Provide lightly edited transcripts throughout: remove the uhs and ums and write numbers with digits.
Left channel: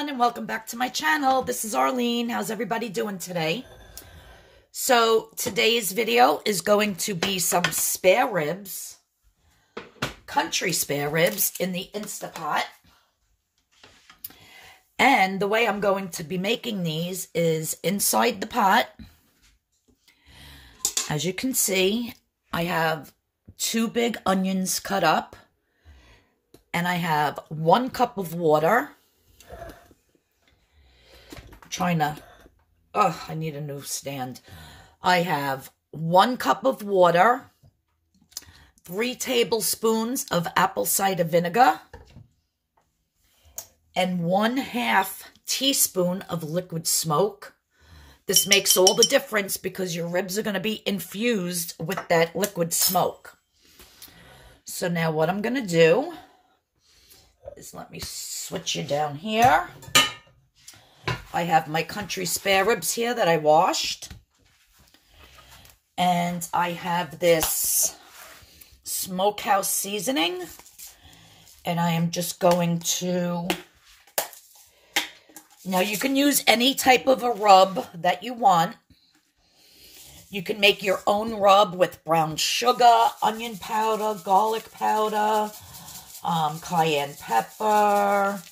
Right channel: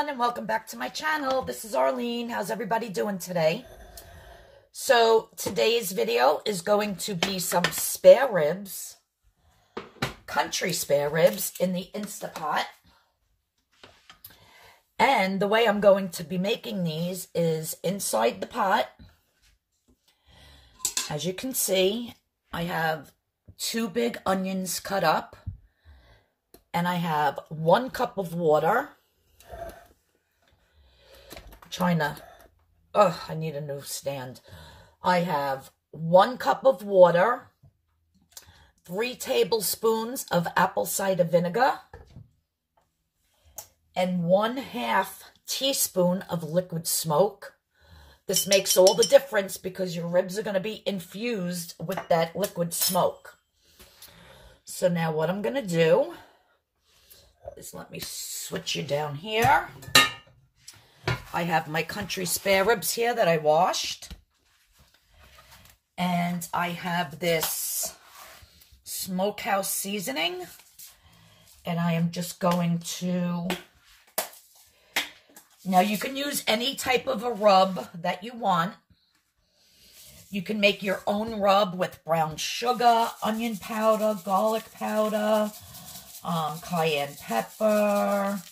everyone, and welcome back to my channel. This is Arlene. How's everybody doing today? So today's video is going to be some spare ribs, country spare ribs in the Instapot. And the way I'm going to be making these is inside the pot. As you can see, I have 2 big onions cut up, and I have 1 cup of water. I need a new stand. I have 1 cup of water, 3 tablespoons of apple cider vinegar, and 1/2 teaspoon of liquid smoke. This makes all the difference because your ribs are going to be infused with that liquid smoke. So now what I'm going to do is, let me switch you down here. I have my country spare ribs here that I washed. And I have this smokehouse seasoning. And I am just going to... Now, you can use any type of a rub that you want. You can make your own rub with brown sugar, onion powder, garlic powder, cayenne pepper.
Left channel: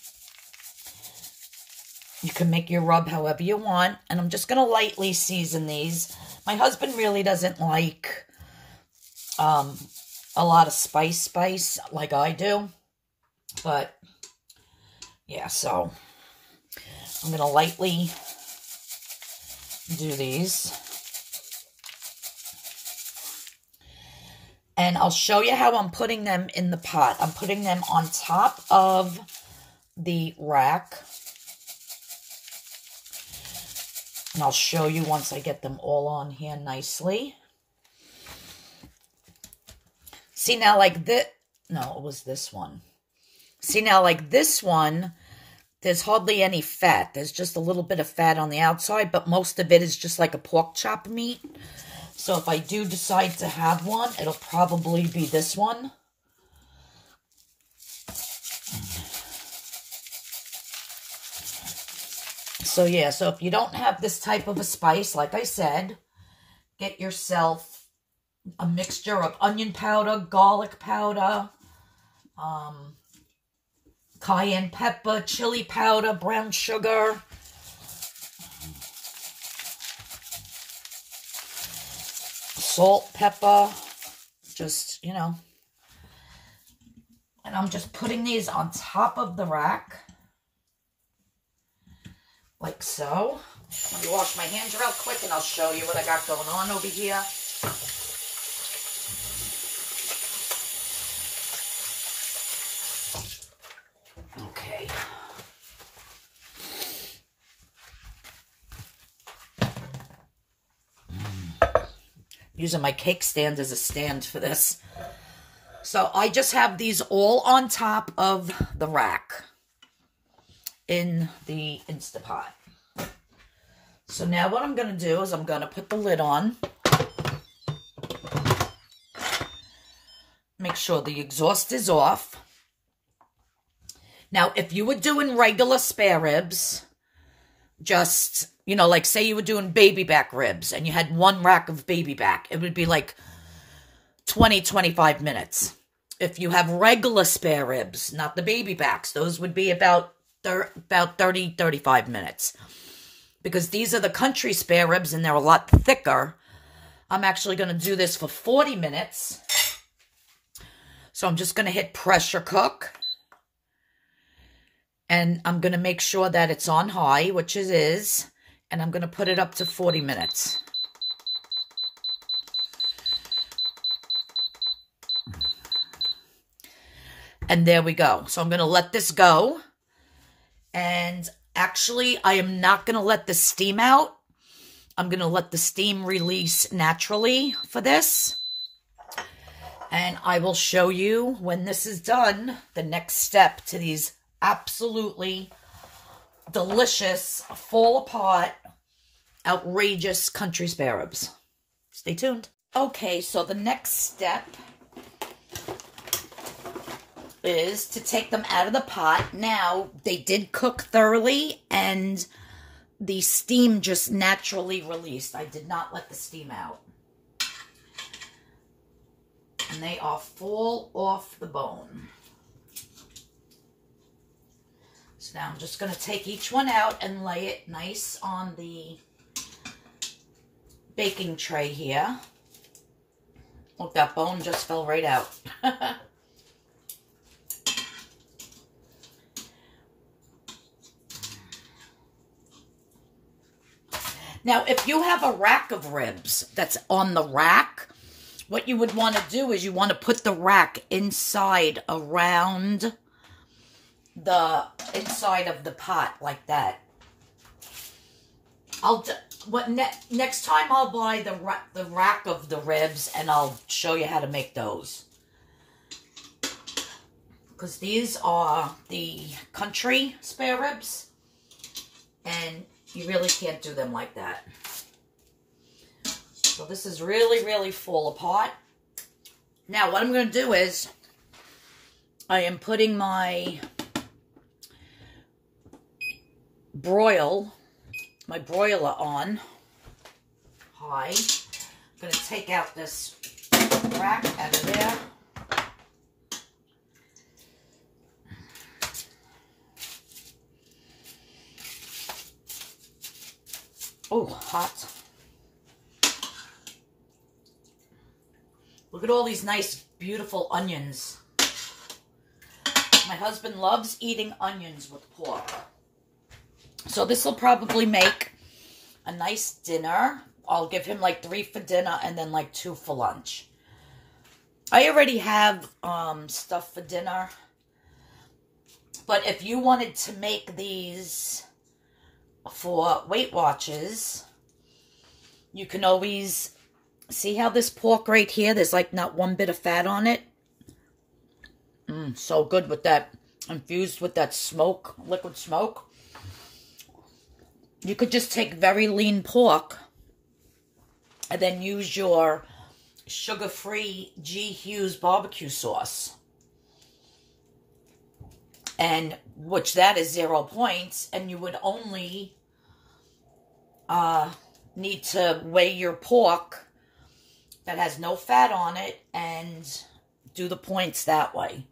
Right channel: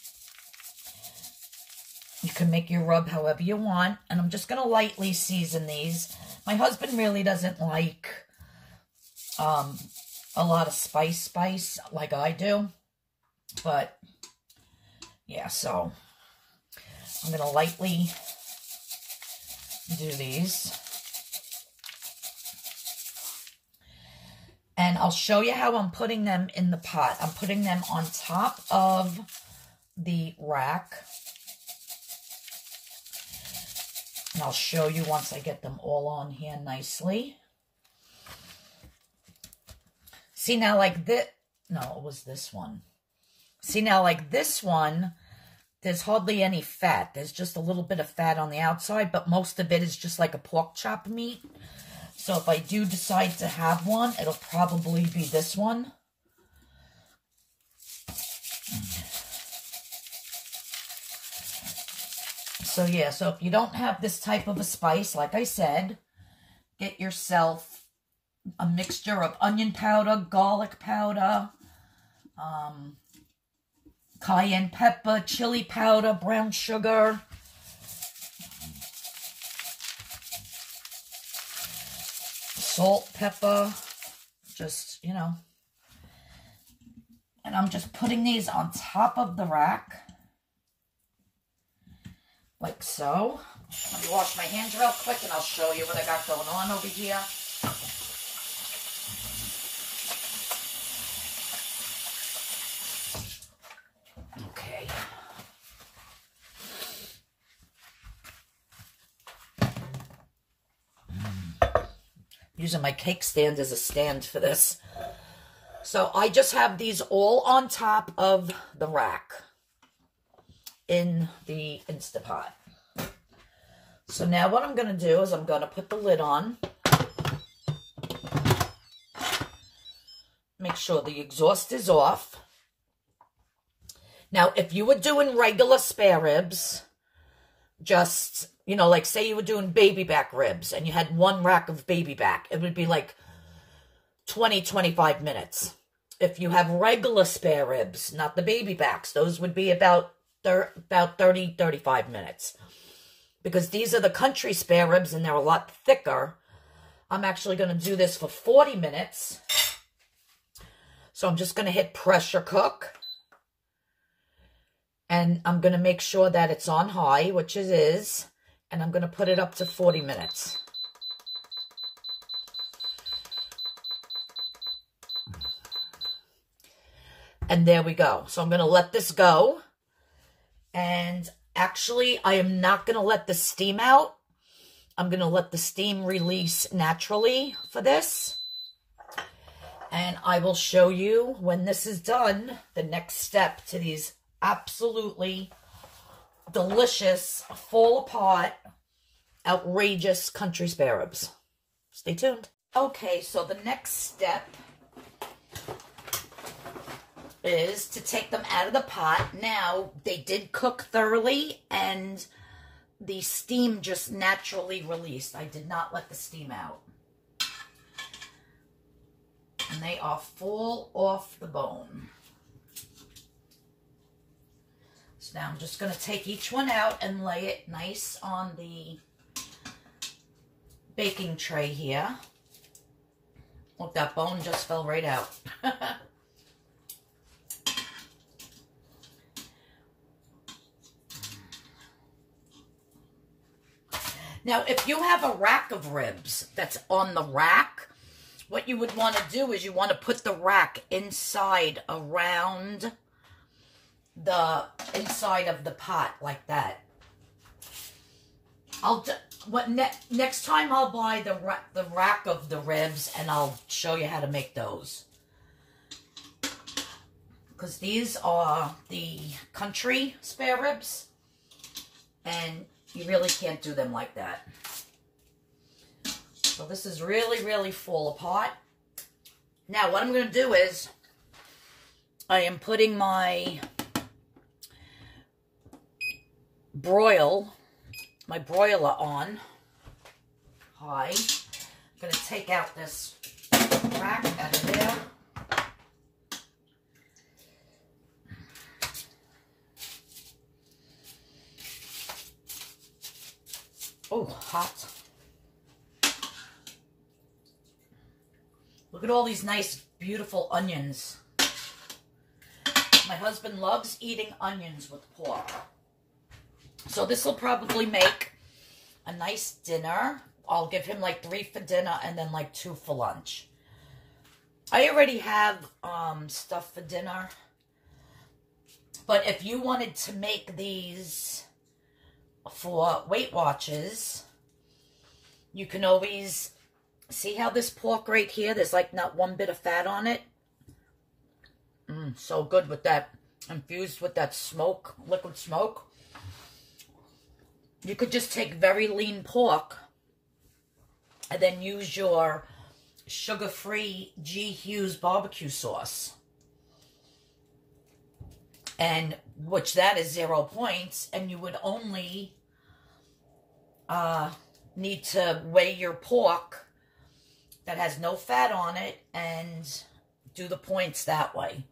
You can make your rub however you want. And I'm just going to lightly season these. My husband really doesn't like a lot of spice like I do. But, yeah, so I'm going to lightly do these. And I'll show you how I'm putting them in the pot. I'm putting them on top of the rack. And I'll show you once I get them all on here nicely. See now, like this, no, it was this one. See now, like this one, there's hardly any fat. There's just a little bit of fat on the outside, but most of it is just like a pork chop meat. So if I do decide to have one, it'll probably be this one. So yeah, so if you don't have this type of a spice, like I said, get yourself a mixture of onion powder, garlic powder, cayenne pepper, chili powder, brown sugar, salt, pepper, just, you know. And I'm just putting these on top of the rack. Like so. Let me wash my hands real quick and I'll show you what I got going on over here. Okay. Using my cake stand as a stand for this. So I just have these all on top of the rack in the Instapot. So now what I'm going to do is I'm going to put the lid on. Make sure the exhaust is off. Now, if you were doing regular spare ribs, just, you know, like say you were doing baby back ribs and you had 1 rack of baby back, it would be like 20-25 minutes. If you have regular spare ribs, not the baby backs, those would be about 30-35 minutes. Because these are the country spare ribs and they're a lot thicker. I'm actually going to do this for 40 minutes. So I'm just going to hit pressure cook. And I'm going to make sure that it's on high, which it is. And I'm going to put it up to 40 minutes. And there we go. So I'm going to let this go. And actually, I am not going to let the steam out. I'm going to let the steam release naturally for this. And I will show you when this is done, the next step to these absolutely delicious, fall apart, outrageous country spare ribs. Stay tuned. Okay, so the next step is to take them out of the pot. Now, they did cook thoroughly, and the steam just naturally released. I did not let the steam out. And they are full off the bone. So now I'm just going to take each one out and lay it nice on the baking tray here. Look, that bone just fell right out. Now, if you have a rack of ribs that's on the rack, what you would want to do is you want to put the rack inside around the inside of the pot like that. Next time I'll buy the rack of the ribs and I'll show you how to make those. Because these are the country spare ribs, and you really can't do them like that. So this is really, really full apart. Now what I'm going to do is I am putting my broiler on high. I'm going to take out this rack out of there. Oh, hot. Look at all these nice, beautiful onions. My husband loves eating onions with pork. So this will probably make a nice dinner. I'll give him like 3 for dinner and then like 2 for lunch. I already have stuff for dinner. But if you wanted to make these for Weight Watchers, you can always see how this pork right here, there's like not one bit of fat on it. So good with that, infused with that smoke, liquid smoke. You could just take very lean pork and then use your sugar-free G.Hughes barbecue sauce. And which that is 0 points, and you would only need to weigh your pork that has no fat on it and do the points that way.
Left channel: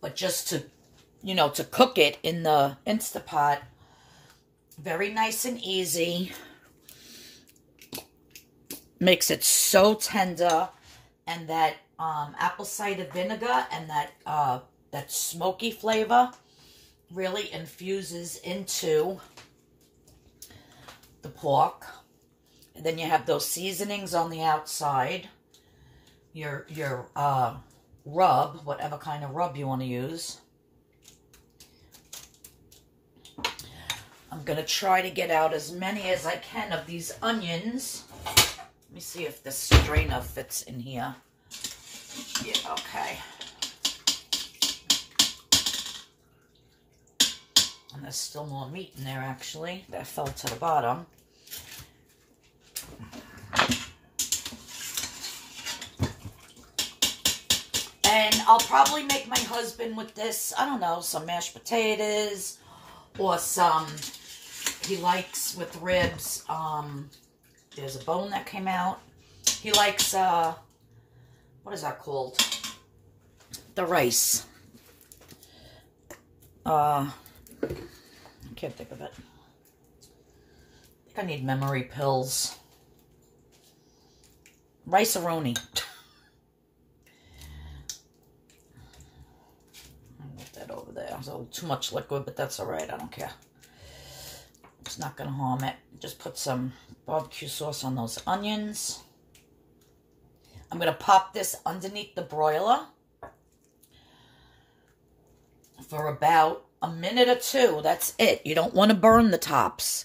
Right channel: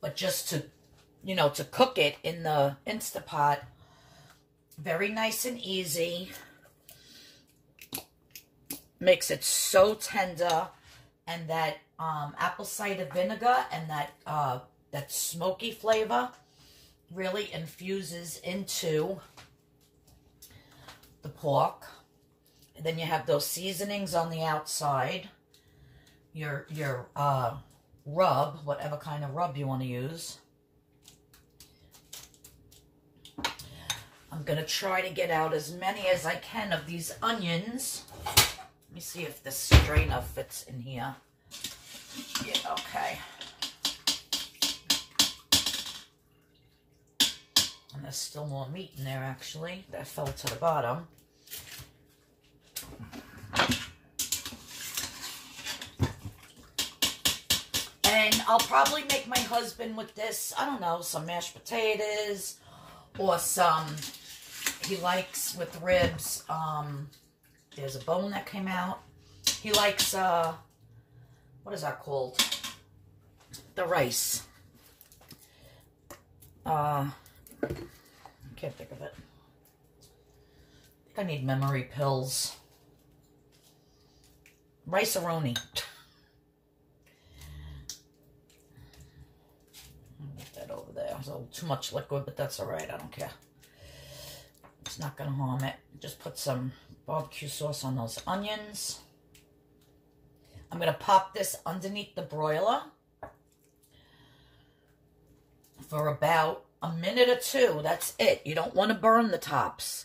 But just to, to cook it in the Instapot, very nice and easy. Makes it so tender, and that apple cider vinegar and that smoky flavor really infuses into the pork. And then you have those seasonings on the outside. Your rub, whatever kind of rub you want to use. I'm going to try to get out as many as I can of these onions. Let me see if this strainer fits in here. Yeah, okay. And there's still more meat in there, actually. That fell to the bottom. And I'll probably make my husband with this, I don't know, some mashed potatoes or some, he likes with ribs, there's a bone that came out. He likes, what is that called? The rice. I can't think of it. I think I need memory pills. Rice-a-roni. Over there. So too much liquid, but that's all right. I don't care. It's not going to harm it. Just put some barbecue sauce on those onions. I'm going to pop this underneath the broiler for about a minute or 2. That's it. You don't want to burn the tops.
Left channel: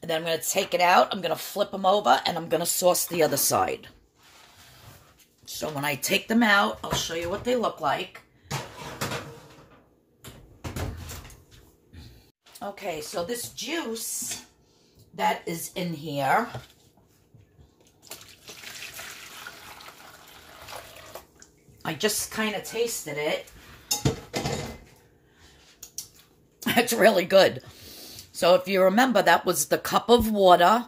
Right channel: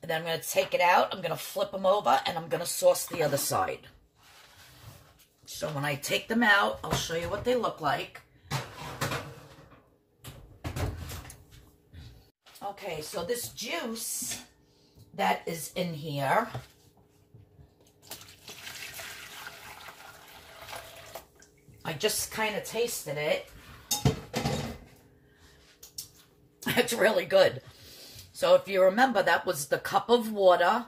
And then I'm going to take it out. I'm going to flip them over, and I'm going to sauce the other side. So when I take them out, I'll show you what they look like. Okay, so this juice that is in here, I just kind of tasted it. It's really good. So if you remember, that was the cup of water,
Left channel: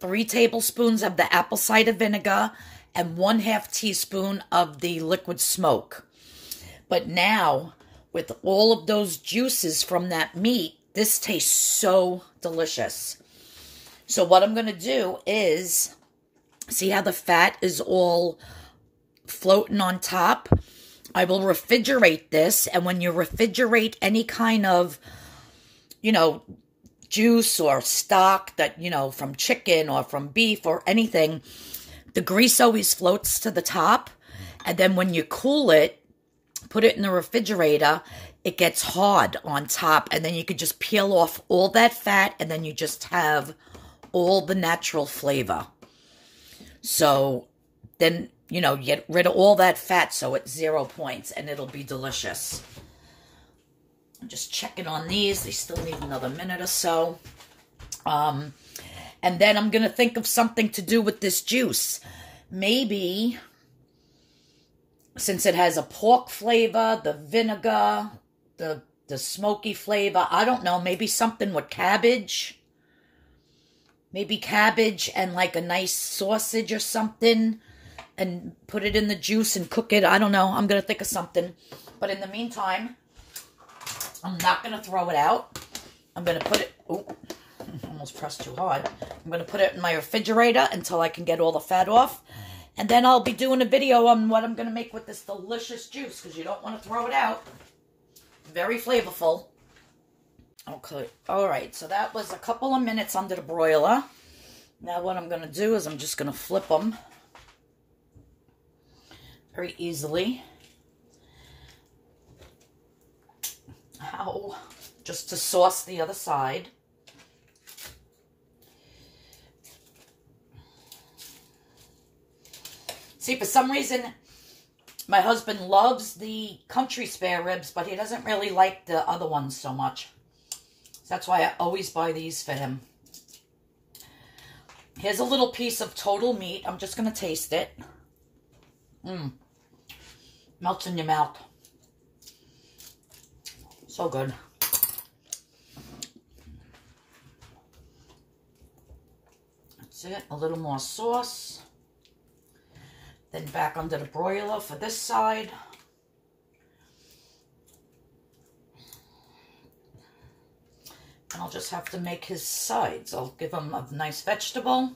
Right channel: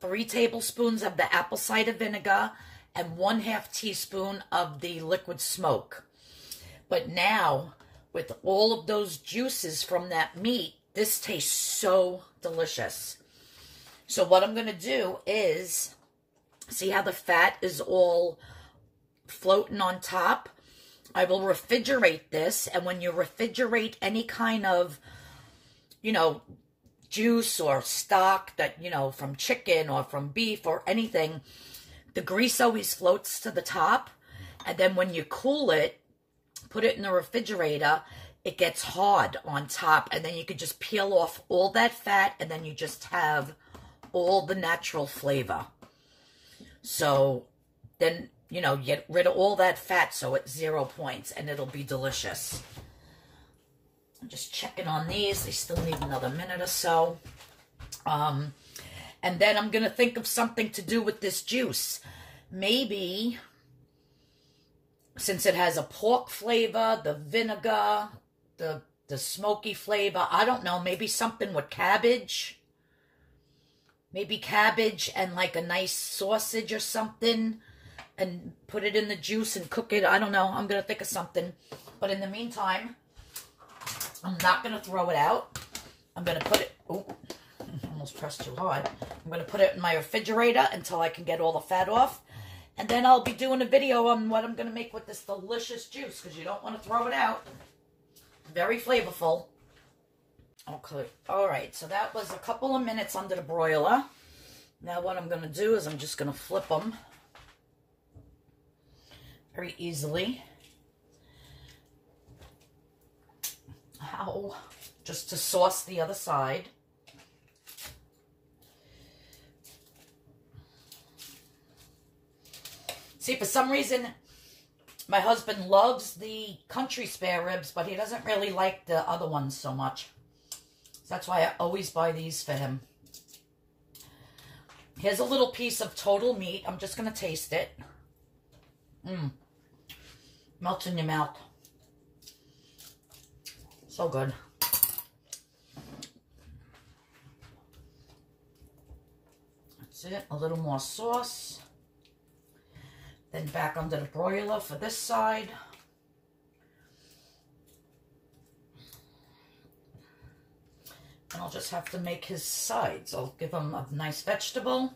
3 tablespoons of the apple cider vinegar, and 1/2 teaspoon of the liquid smoke. But now, with all of those juices from that meat, this tastes so delicious. So what I'm going to do is, see how the fat is all floating on top? I will refrigerate this, and when you refrigerate any kind of, you know, juice or stock that, you know, from chicken or from beef or anything, the grease always floats to the top, and then when you cool it, put it in the refrigerator, it gets hard on top, and then you could just peel off all that fat, and then you just have all the natural flavor. So then, you know, get rid of all that fat, so it's 0 points, and it'll be delicious. I'm just checking on these. They still need another minute or so. And then I'm going to think of something to do with this juice. Maybe, since it has a pork flavor, the vinegar, the smoky flavor, I don't know, maybe something with cabbage. Maybe cabbage and like a nice sausage or something, and put it in the juice and cook it. I don't know. I'm going to think of something. But in the meantime, I'm not going to throw it out. I'm going to put it... Oh, almost pressed too hard. I'm going to put it in my refrigerator until I can get all the fat off. And then I'll be doing a video on what I'm going to make with this delicious juice, because you don't want to throw it out. Very flavorful. Okay. All right. So that was a couple of minutes under the broiler. Now what I'm going to do is I'm just going to flip them very easily. Ow. Just to sauce the other side. See, for some reason, my husband loves the country spare ribs, but he doesn't really like the other ones so much. So that's why I always buy these for him. Here's a little piece of total meat. I'm just going to taste it. Melts in your mouth. So good. That's it. A little more sauce. Then back under the broiler for this side. And I'll just have to make his sides. I'll give him a nice vegetable.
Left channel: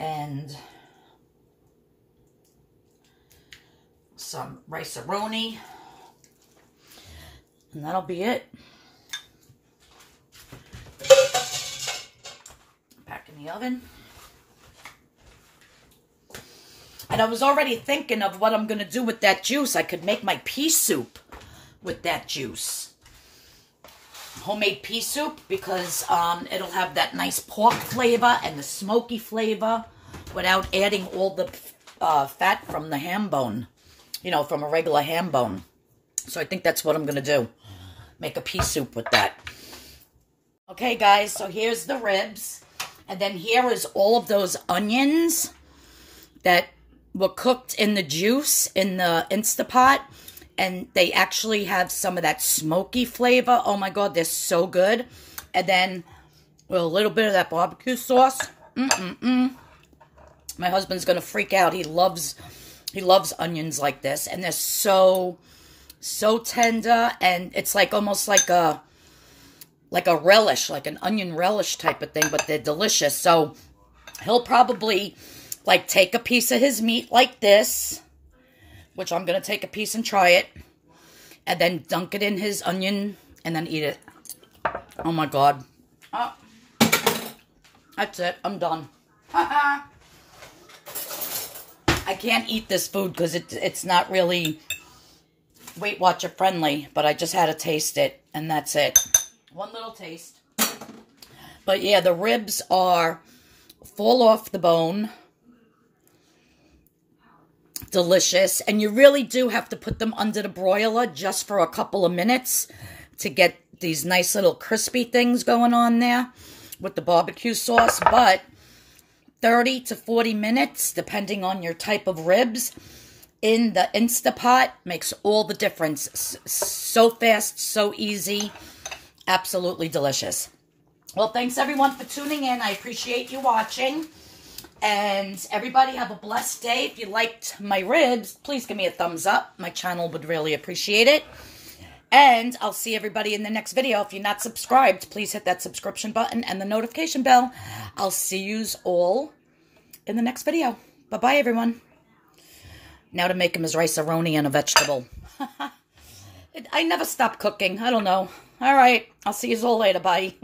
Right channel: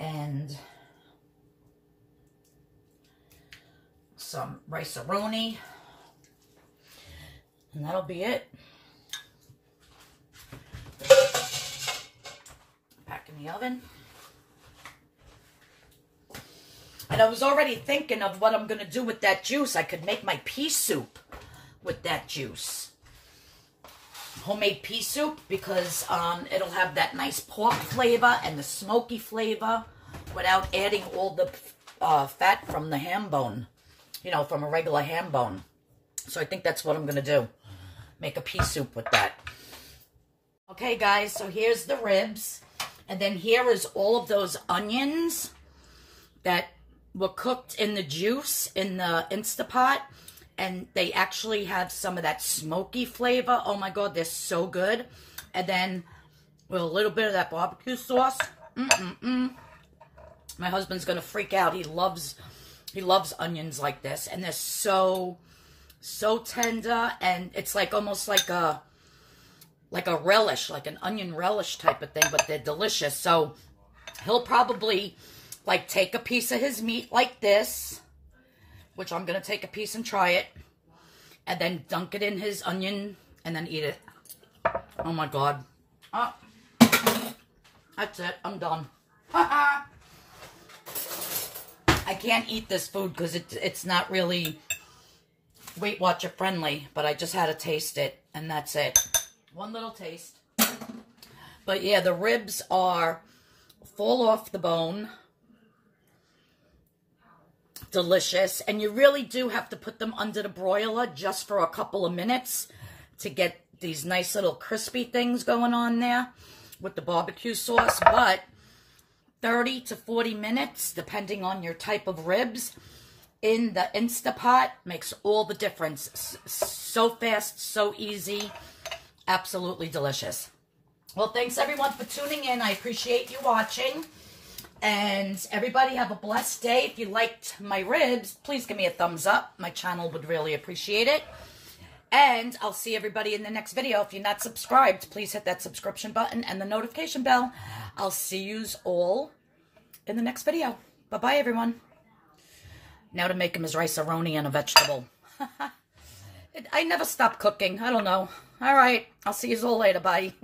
And some rice-a-roni. And that'll be it. Back in the oven. And I was already thinking of what I'm going to do with that juice. I could make my pea soup with that juice. Homemade pea soup, because it'll have that nice pork flavor and the smoky flavor without adding all the fat from the ham bone. You know, from a regular ham bone. So I think that's what I'm going to do. Make a pea soup with that. Okay, guys, so here's the ribs. And then here is all of those onions that were cooked in the juice in the Instapot. And they actually have some of that smoky flavor. Oh, my God, they're so good. And then with a little bit of that barbecue sauce. My husband's going to freak out. He loves onions like this. And they're so tender. And it's like almost like a relish, like an onion relish type of thing. But they're delicious. So he'll probably like take a piece of his meat like this, which I'm going to take a piece and try it, and then dunk it in his onion and then eat it. Oh, my God. Oh, that's it. I'm done. I can't eat this food because it's not really Weight Watcher friendly, but I just had to taste it, and that's it. One little taste. But, yeah, the ribs fall off the bone. Delicious. And you really do have to put them under the broiler just for a couple of minutes to get these nice little crispy things going on there with the barbecue sauce. But 30 to 40 minutes, depending on your type of ribs, in the Instapot makes all the difference. So fast, so easy, absolutely delicious. Well, thanks everyone for tuning in. I appreciate you watching. And everybody have a blessed day. If you liked my ribs, please give me a thumbs up. My channel would really appreciate it. And I'll see everybody in the next video. If you're not subscribed, please hit that subscription button and the notification bell. I'll see yous all in the next video. Bye-bye, everyone. Now to make him his rice-a-roni and a vegetable. I never stop cooking. I don't know. All right. I'll see you all later. Bye.